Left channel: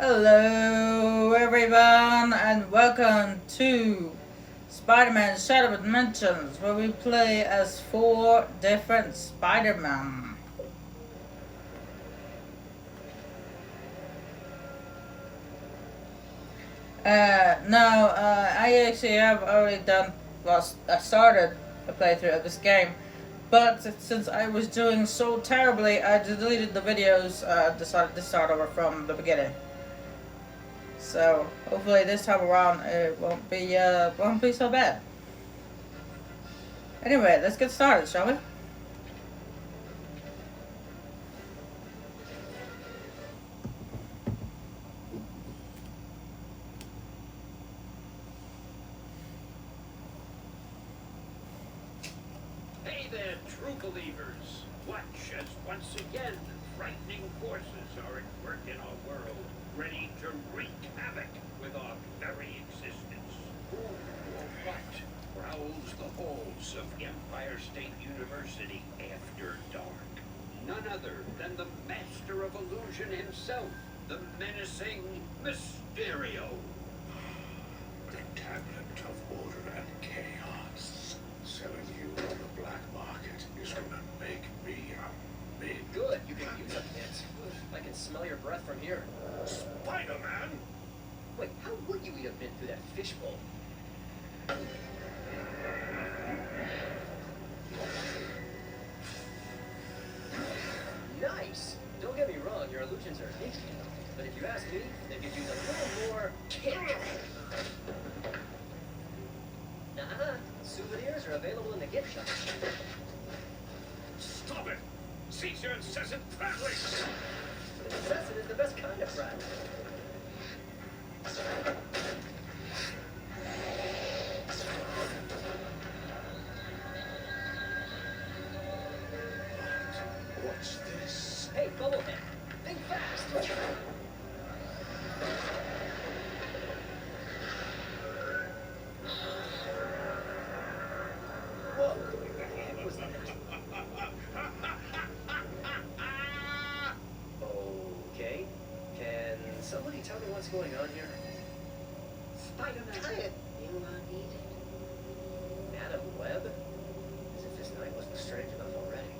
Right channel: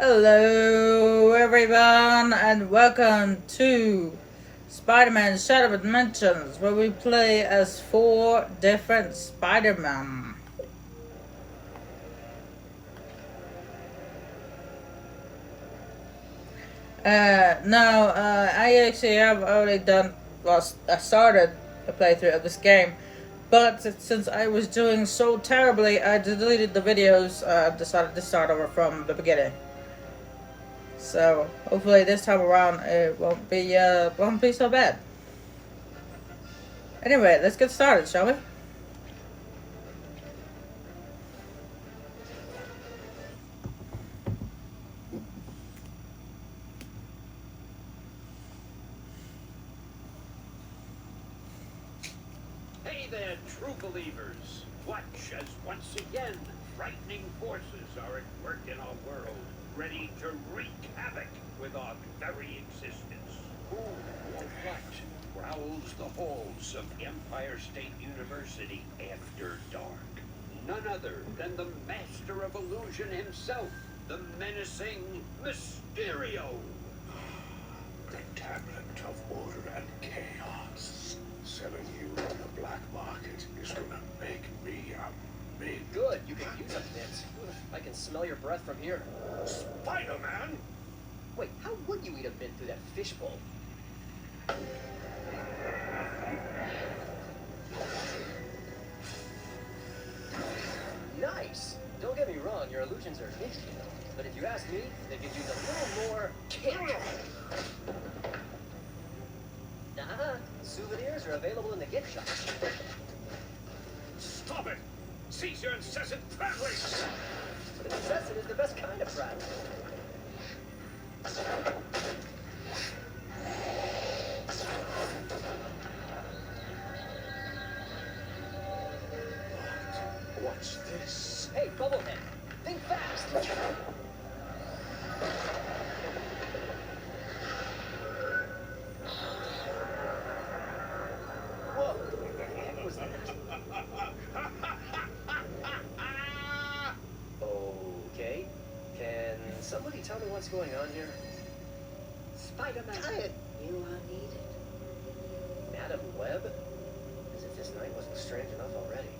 Hello, everyone, and welcome to Spider-Man Shadow Dimensions, where we play as 4 different Spider-Man. I actually have already done, well, I started the playthrough of this game, but since I was doing so terribly, I deleted the videos, decided to start over from the beginning. So hopefully this time around it won't be so bad. Anyway, let's get started, shall we? Hey there, true believers. Watch as once again frightening forces are at work in our world, ready to wreak havoc with our very existence. Who or what prowls the halls of Empire State University after dark? None other than the master of illusion himself, the menacing Mysterio. The tablet of order and chaos. Selling you on the black market is gonna make me a big... Good, you can use a bit. I can smell your breath from here. SpiderMan? Wait, how would you eat a bit through that fishbowl? Nice! Don't get me wrong, your illusions are interesting, but if you ask me, they could use a little more kick. Souvenirs are available in the gift shop. Stop it! Cease your incessant prattling! But incessant is the best kind of prattle. What's this? Hey, Bubblehead, think fast! Whoa! What was that? Okay. Can somebody tell me what's going on here? Spider-Man, you are needed. Madam Web? As if this night wasn't strange enough already.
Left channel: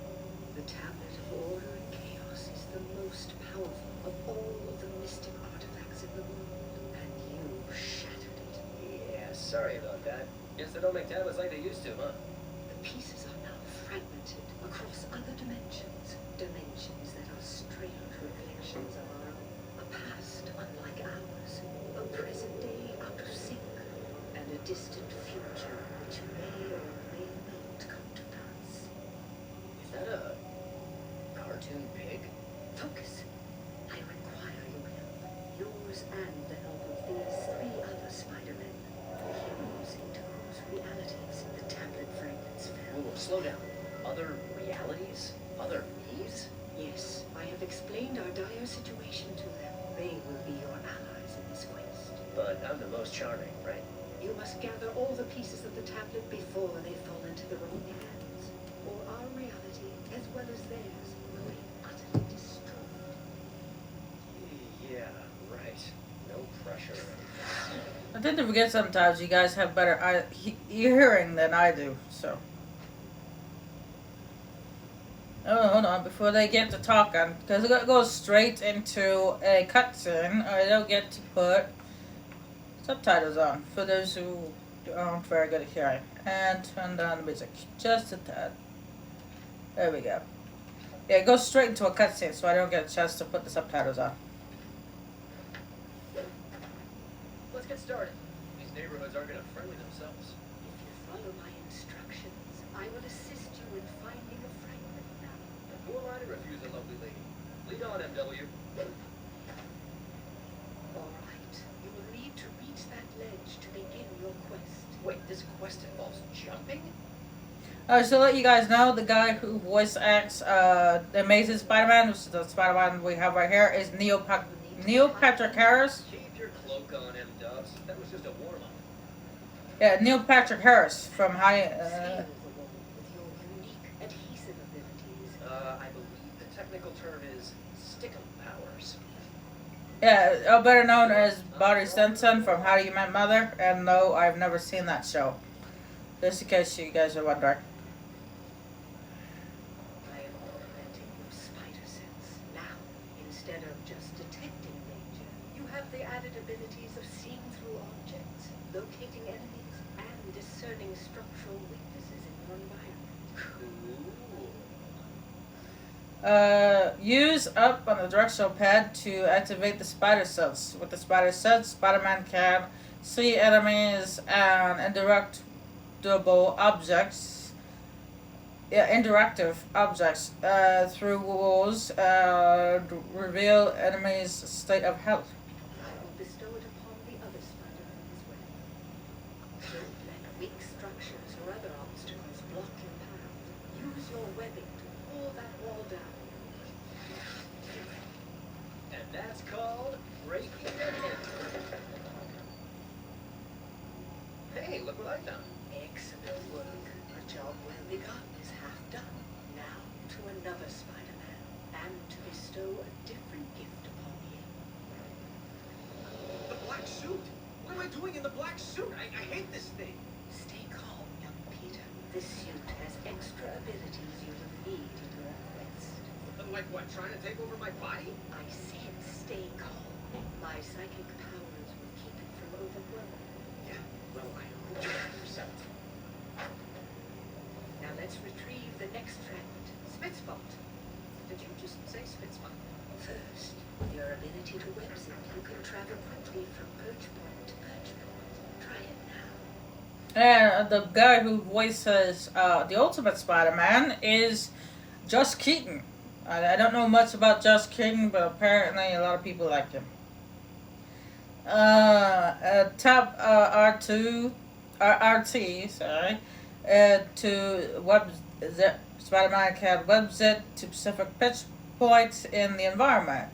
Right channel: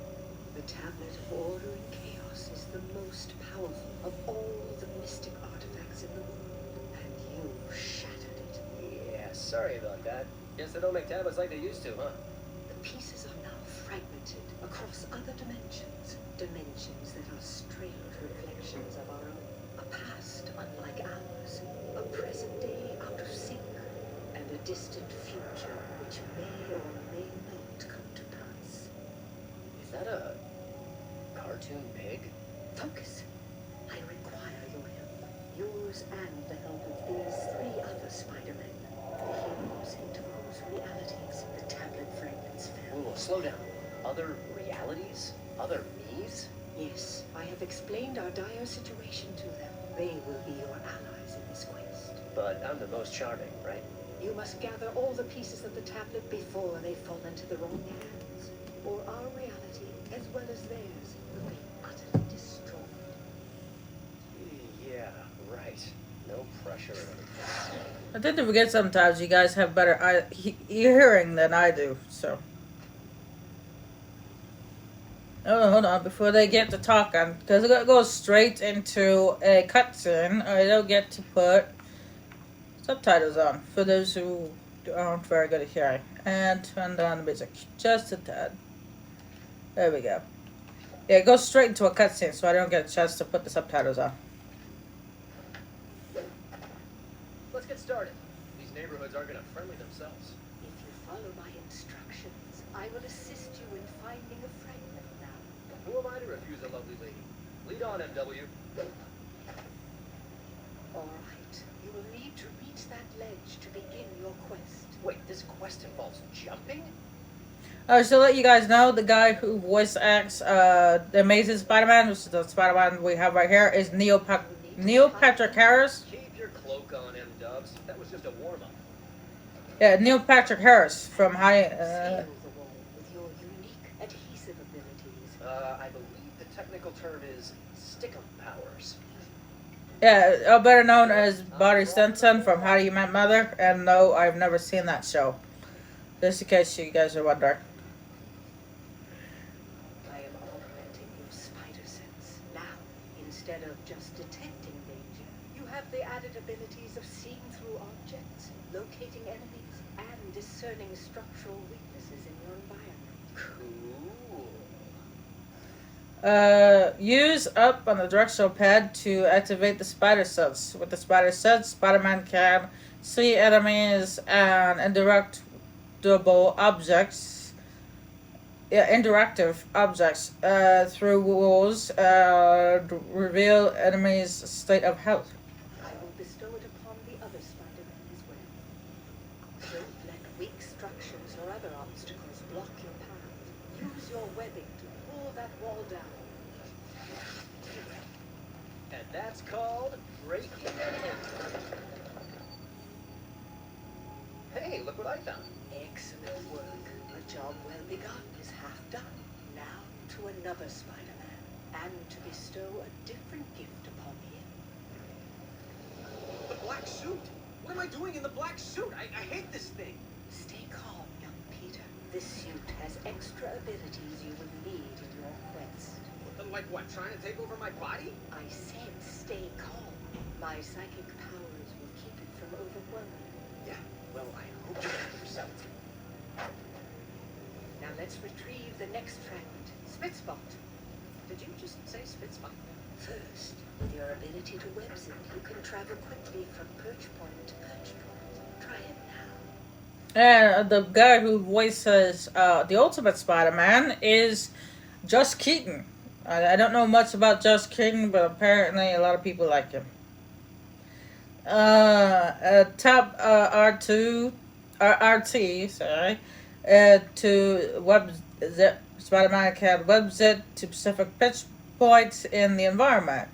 The tablet of order and chaos is the most powerful of all the mystic artifacts in the world, and you shattered it. Yeah, sorry about that. Guess they don't make tablets like they used to, huh? The pieces are now fragmented across other dimensions, dimensions that are strange reflections of our own. A past unlike ours, a present day out of sync, and a distant future which may or may not come to pass. Is that a cartoon pig? Focus. I require your help. Yours and the help of these 3 other Spider-Men. The heroes into whose realities the tablet fragments fell. Whoa, slow down. Other realities? Other me's? Yes, I have explained our dire situation to them. They will be your allies in this quest. But I'm the most charming, right? You must gather all the pieces of the tablet before they fall into the wrong hands. Or our reality, as well as theirs, will be utterly destroyed. Yeah, right. No pressure or anything. I tend to forget sometimes you guys have better hearing than I do, so. Oh, hold on, before they get to talking, because it goes straight into a cutscene, I don't get to put subtitles on for those who aren't very good at hearing. And turn down the music just a tad. There we go. Yeah, it goes straight into a cutscene, so I don't get a chance to put the subtitles on. Let's get started. These neighborhoods aren't gonna friendly themselves. If you follow my instructions, I will assist you in finding a fragment now. Who am I to refuse a lovely lady? Lead on, MW. All right, you will need to reach that ledge to begin your quest. Wait, this quest involves jumping? So to let you guys know, the guy who voice acts the Amazing Spider-Man, which is the Spider-Man we have right here, is Neil Patrick Harris. Keep your cloak on, M-Dubs. That was just a warm-up. Yeah, Neil Patrick Harris from Seal the wall with your unique adhesive abilities. I believe the technical term is stickum powers. Yeah, better known as Barry Stinson from How You Met Mother. And no, I've never seen that show. Just in case you guys are wondering. I am augmenting your spider sense. Now, instead of just detecting danger, you have the added abilities of seeing through objects, locating enemies, and discerning structural weaknesses in your environment. Cool. Use up on the directional pad to activate the spider sense. With the spider sense, Spider-Man can see enemies and interactable objects. Yeah, interactive objects through walls. Reveal enemies' state of health. I will bestow it upon the other Spider-Men as well. Don't let weak structures or other obstacles block your path. Use your webbing to pull that wall down. And that's called breaking the code. Hey, look what I found. Excellent work. A job well begun is half done. Now to another Spider-Man, and to bestow a different gift upon him. The black suit! What am I doing in the black suit? I hate this thing! Stay calm, young Peter. This suit has extra abilities you will need in your quest. Like what, trying to take over my body? I said stay calm. My psychic powers will keep it from overwhelming. Yeah, well, I hope you have yourself. Now let's retrieve the next fragment. Spitzbot. Did you just say Spitzbot? First, with your ability to web zip, you can travel quickly from perch point to perch point. Try it now. And the guy who voices the Ultimate Spider-Man is Josh Keaton. I don't know much about Josh Keaton, but apparently a lot of people like him. Tap RT, sorry, to web zip. Spider-Man can web zip to specific pitch points in the environment.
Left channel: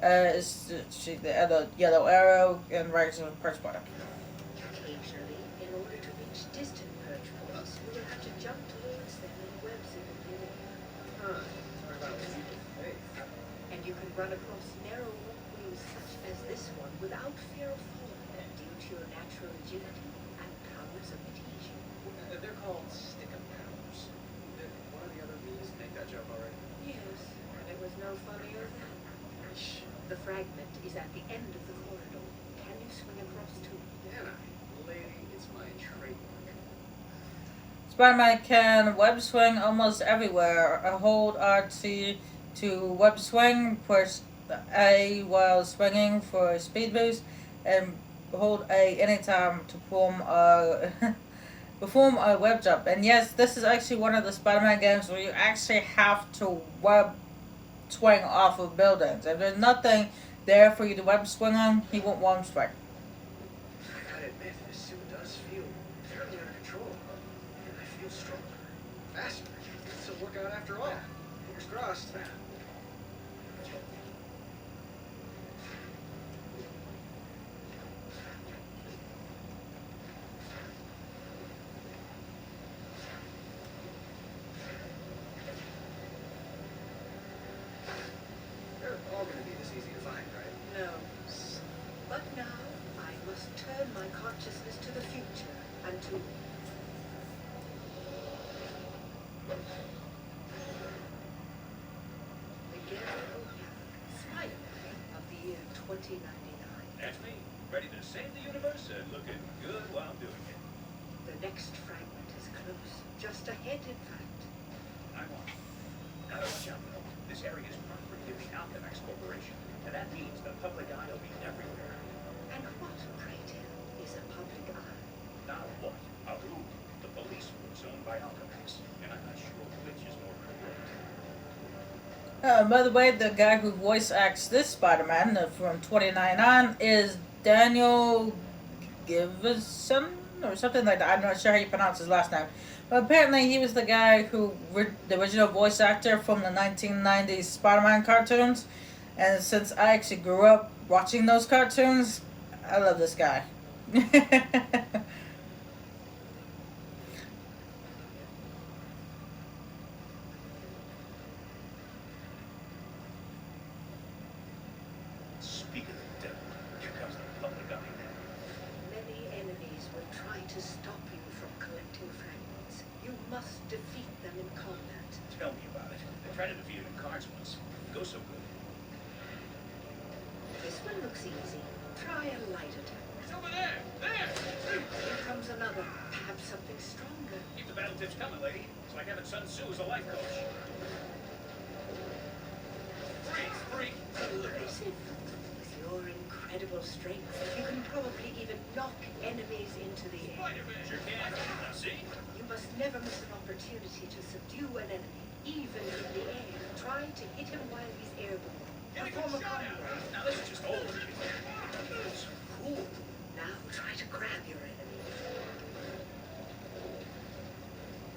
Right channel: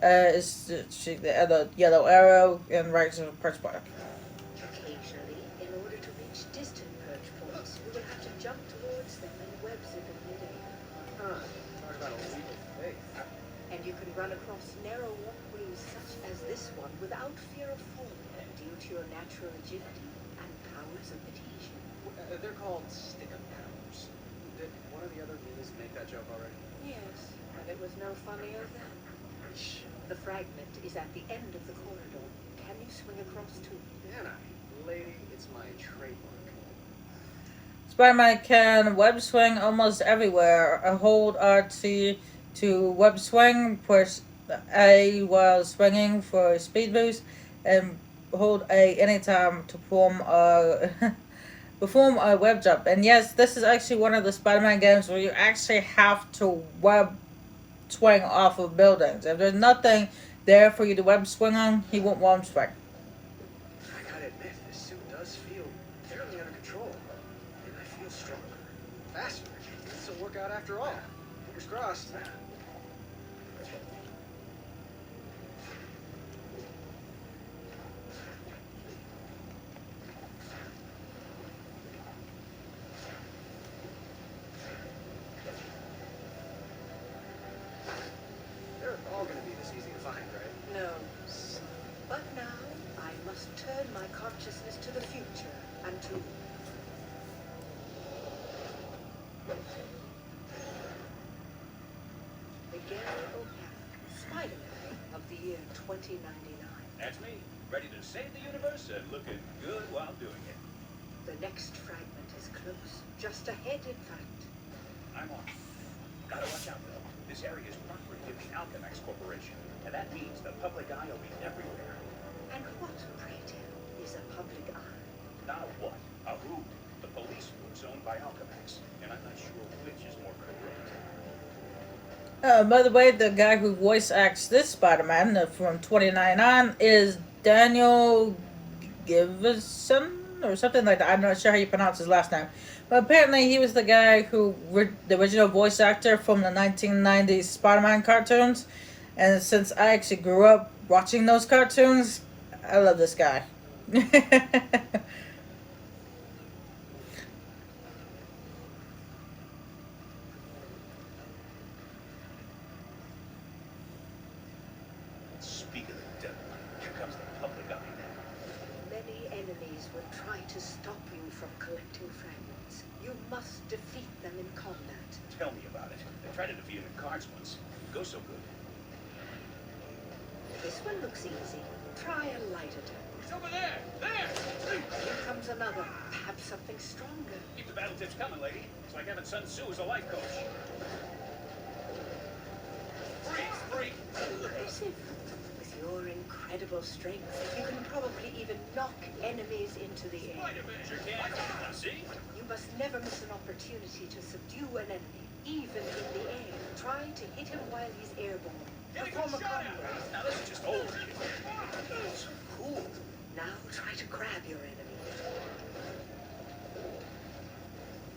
The yellow arrow and right to the perch point. Occasionally, in order to reach distant perch points, you will have to jump towards them and web zip it within. Huh. Talk about a leap of faith. And you can run across narrow walkways such as this one without fear of falling, due to your natural agility and powers of adhesion. They're called stick-up powers. One of the other means make that joke already. Yes, and it was no funnier then. The fragment is at the end of the corridor. Can you swing across to it? Can I? Lady, it's my trademark. Spider-Man can web swing almost everywhere. Hold RT to web swing, push A while swinging for a speed boost, and hold A anytime to perform a web jump. And yes, this is actually one of the Spider-Man games where you actually have to web swing off of buildings. If there's nothing there for you to web swing on, he won't web swing. I gotta admit, this suit does feel fairly under control. And I feel stronger. Faster. It's a workout after all. Fingers crossed. They're all gonna be this easy to find, right? No. But now, I must turn my consciousness to the future and to... Miguel O'Hara, Spider-Man of the year 2099. That's me, ready to save the universe and looking good while doing it. The next fragment is close. Just ahead, in fact. I'm on. Gotta watch out, though. This area is property of the Alchemax Corporation, and that means the public eye will be everywhere. And what, pray tell, is a public eye? Not a what, a who. The police force owned by Alchemax, and I'm not sure which is more correct. By the way, the guy who voice acts this Spider-Man from 2099 is Daniel Givison or something like that. I'm not sure how you pronounce his last name. But apparently he was the guy who, the original voice actor from the 1990s Spider-Man cartoons. And since I actually grew up watching those cartoons, I love this guy. Speak of the You must defeat them in combat. Tell me about it. I tried to defeat him in cards once. Didn't go so good. This one looks easy. Try a light attack. He's over there! There! Here comes another. Perhaps something stronger. Keep the battle tips coming, lady. It's like having Sun Tzu as a life coach. Free! Impressive. With your incredible strength, you can probably even knock enemies into the air. SpiderMan! Sure can. Now see? You must never miss an opportunity to subdue an enemy, even in the air. Try to hit him while he's airborne. Get a Perform good a shot combo. out. Now this is just over. That's cool. Now try to grab your enemy.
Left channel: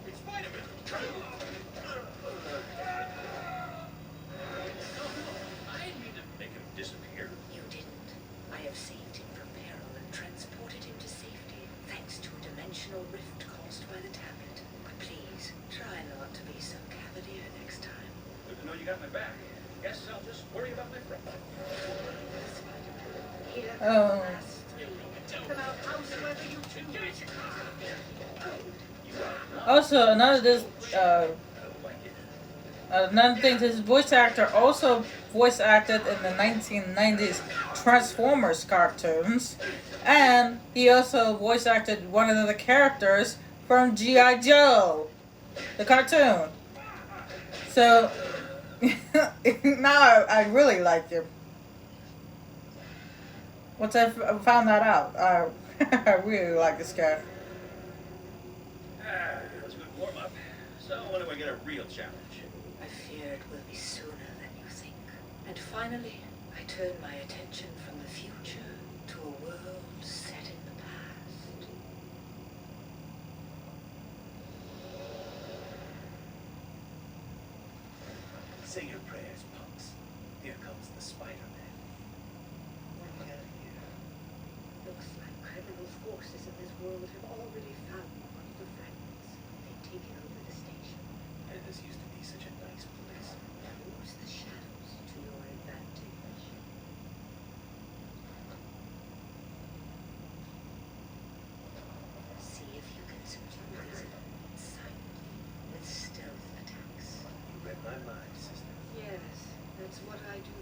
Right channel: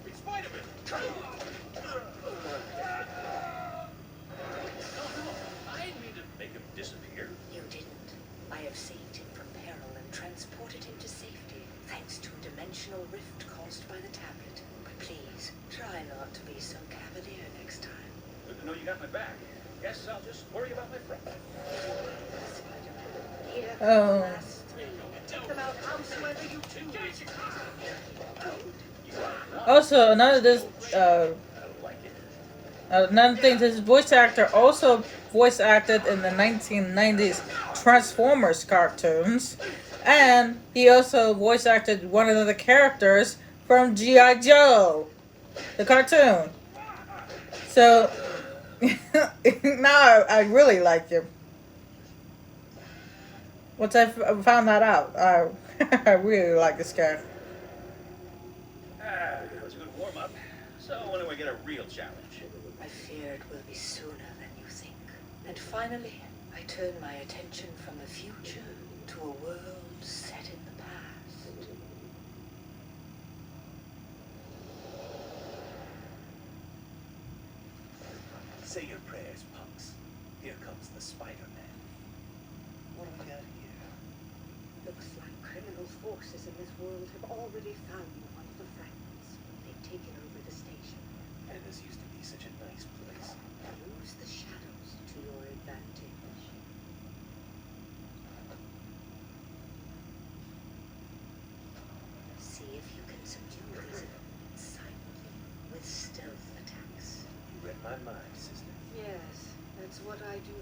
It's Spider-Man! I didn't mean to make him disappear. You didn't. I have saved him from peril and transported him to safety, thanks to a dimensional rift caused by the tablet. But please, try not to be so cavalier next time. Good to know you got my back. Guess I'll just worry about my friend. Spider-Man, here come Oh. the last three. Take them out howsoever you choose. Also, another I don't like it. another thing, this voice actor also voice acted in the 1990s Transformers cartoons, and he also voice acted one of the characters from G.I. Joe, the cartoon. So now I really like him. Once I found that out, I really like this guy. That was a good warm-up. So when do we get a real challenge? I fear it will be sooner than you think. And finally, I turn my attention from the future to a world set in the past. Say your prayers, punks. Here comes the Spider-Man. What do we got here? Looks like criminal forces in this world have already found one of the fragments. They've taken over the station. And this used to be such a nice place. Use the shadows to your advantage. See if you can subdue residents silently with stealth attacks. You read my mind, sister. Yes, that's what I do.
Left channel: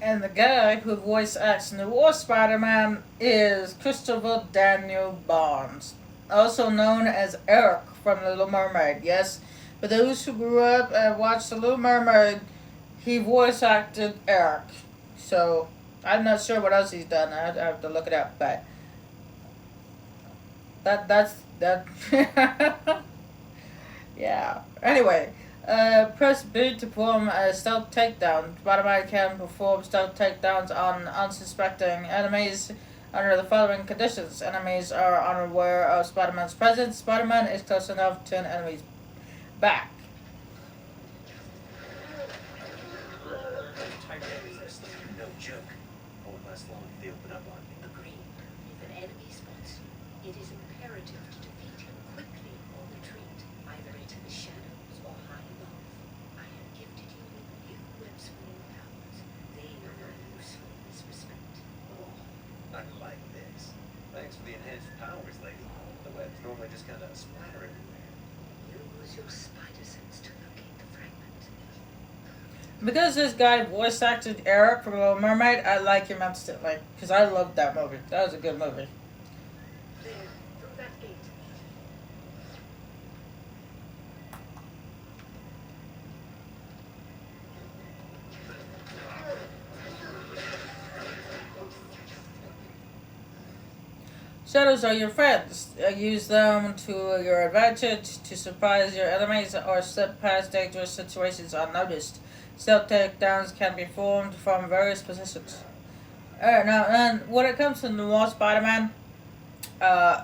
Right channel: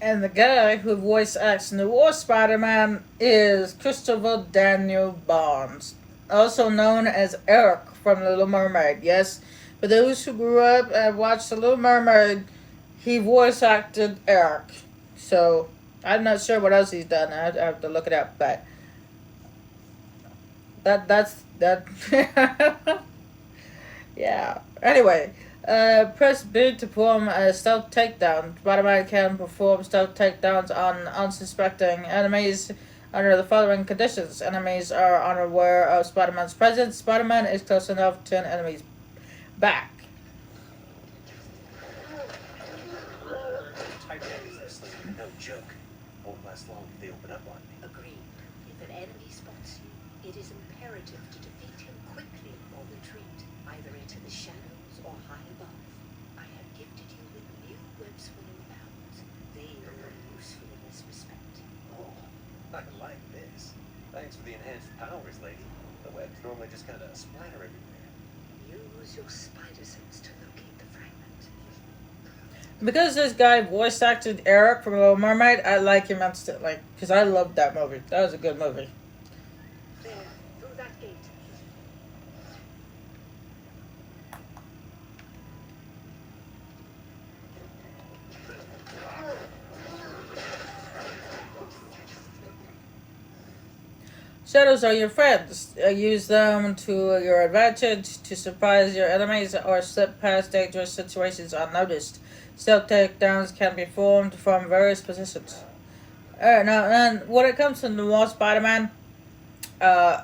And the guy who voice acts Noir Spider-Man is Christopher Daniel Barnes, also known as Eric from The Little Mermaid. Yes, for those who grew up and watched The Little Mermaid, he voice acted Eric. So I'm not sure what else he's done. I have to look it up, but that's that. Yeah. Anyway. Press B to perform a stealth takedown. Spider-Man can perform stealth takedowns on unsuspecting enemies under the following conditions. Enemies are unaware of Spider-Man's presence. Spider-Man is close enough to an enemy's back. Titanic is no joke. Won't last long if they open up on me. Agreed. If an enemy spots you, it is imperative to defeat him quickly or retreat, either into the shadows or high above. I have gifted you with new web-swinging powers. They are very useful in this respect. Oh, I like this. Thanks for the enhanced powers, lady. The webs normally just kind of splatter everywhere. Use your spider sense to locate the fragment. Because this guy voice acted Eric from Little Mermaid, I like him instantly. Because I loved that movie. That was a good movie. There, through that gate. Shadows are your friends. Use them to your advantage to surprise your enemies or slip past dangerous situations unnoticed. Stealth takedowns can be formed from various positions. Alright, now, and when it comes to Noir Spider-Man,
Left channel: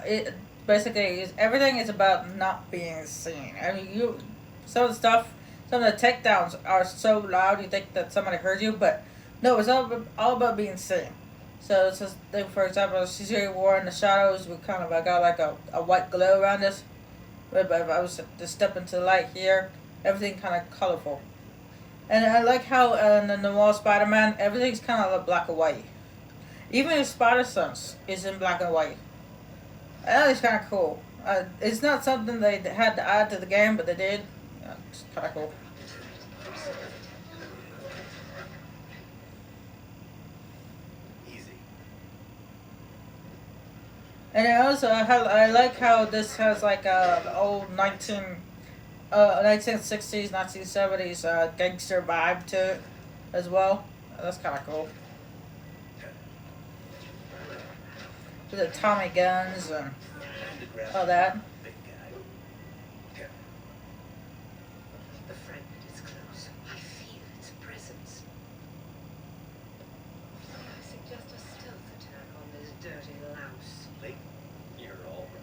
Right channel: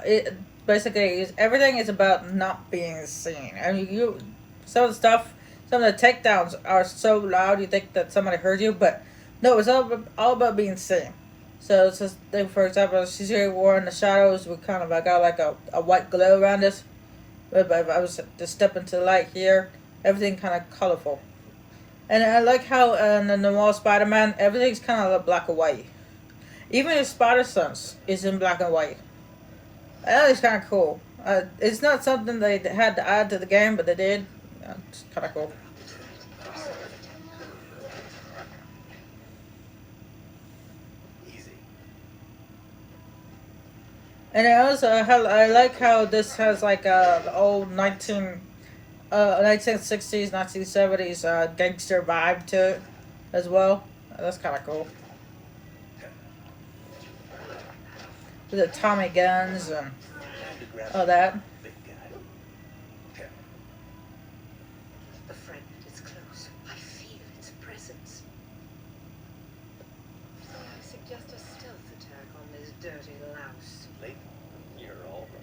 it basically is everything is about not being seen. I mean, some of the takedowns are so loud you think that somebody heard you, but no, it's all about being seen. So it's just, for example, she's here wearing the shadows with kind of, I got like a white glow around us. But if I was to step into the light here, everything kind of colorful. And I like how in the Noir Spider-Man, everything's kind of black and white. Even his spider sense is in black and white. And that is kind of cool. It's not something they had to add to the game, but they did. It's kind of cool. Easy. And I like how this has like the old 1960s, 1970s gangster vibe to it as well. That's kind of cool. With the Tommy guns and all that. Big guy. The fragment is close. I feel its presence. I suggest a stealth attack on this dirty louse. Late. You're all right.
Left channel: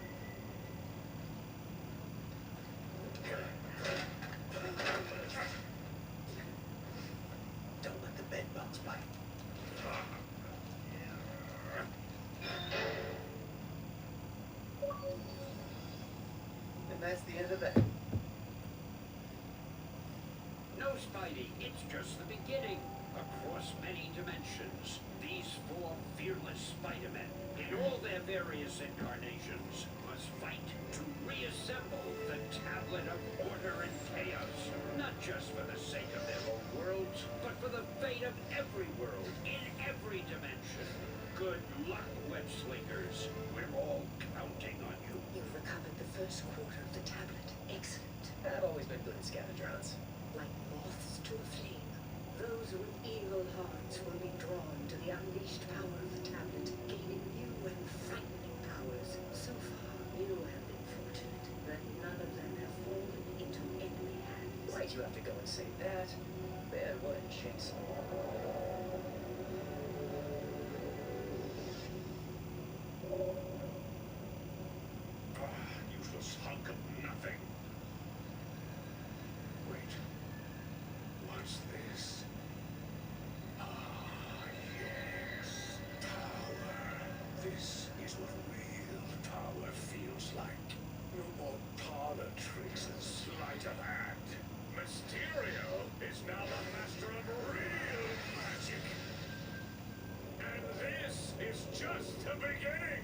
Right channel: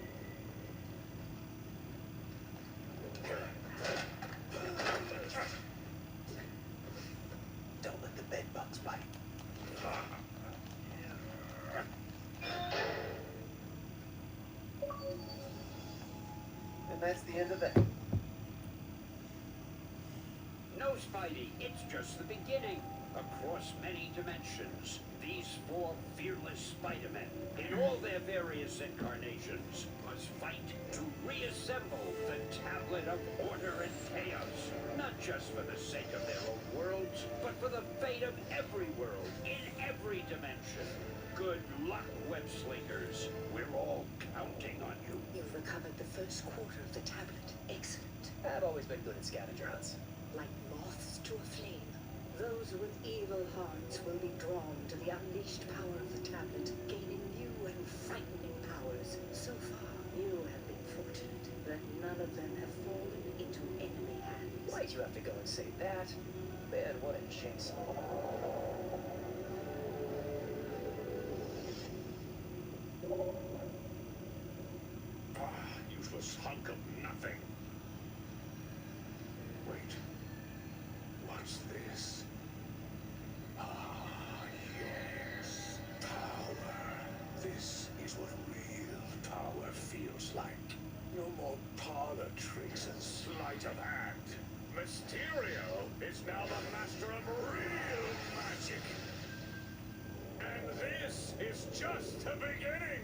Don't let the bed bugs bite. And that's the end of that. No, Spidey, it's just the beginning. Across many dimensions, these four fearless Spider-Men, in all their various incarnations, must fight to reassemble the Tablet of Order and Chaos. Not just for the sake of their own worlds, but for the fate of every world, in every dimension. Good luck, web slingers. We're all counting on you. You've recovered the first quarter of the tablet. Excellent. I've always been good at scavenger hunts. Like moths to a flame, those with evil hearts will be drawn to the unleashed power of the tablet, gaining new and frightening powers. So far, you have been fortunate that none of them have fallen into enemy hands. Why'd you have to go and say that? Man, what a chase. Useless hunk of nothing. Wait. What's this? Yes. Power. This is what real power feels like. No more parlor tricks and sleight of hand. Mysterio is now the master of real magic. And this is just the beginning.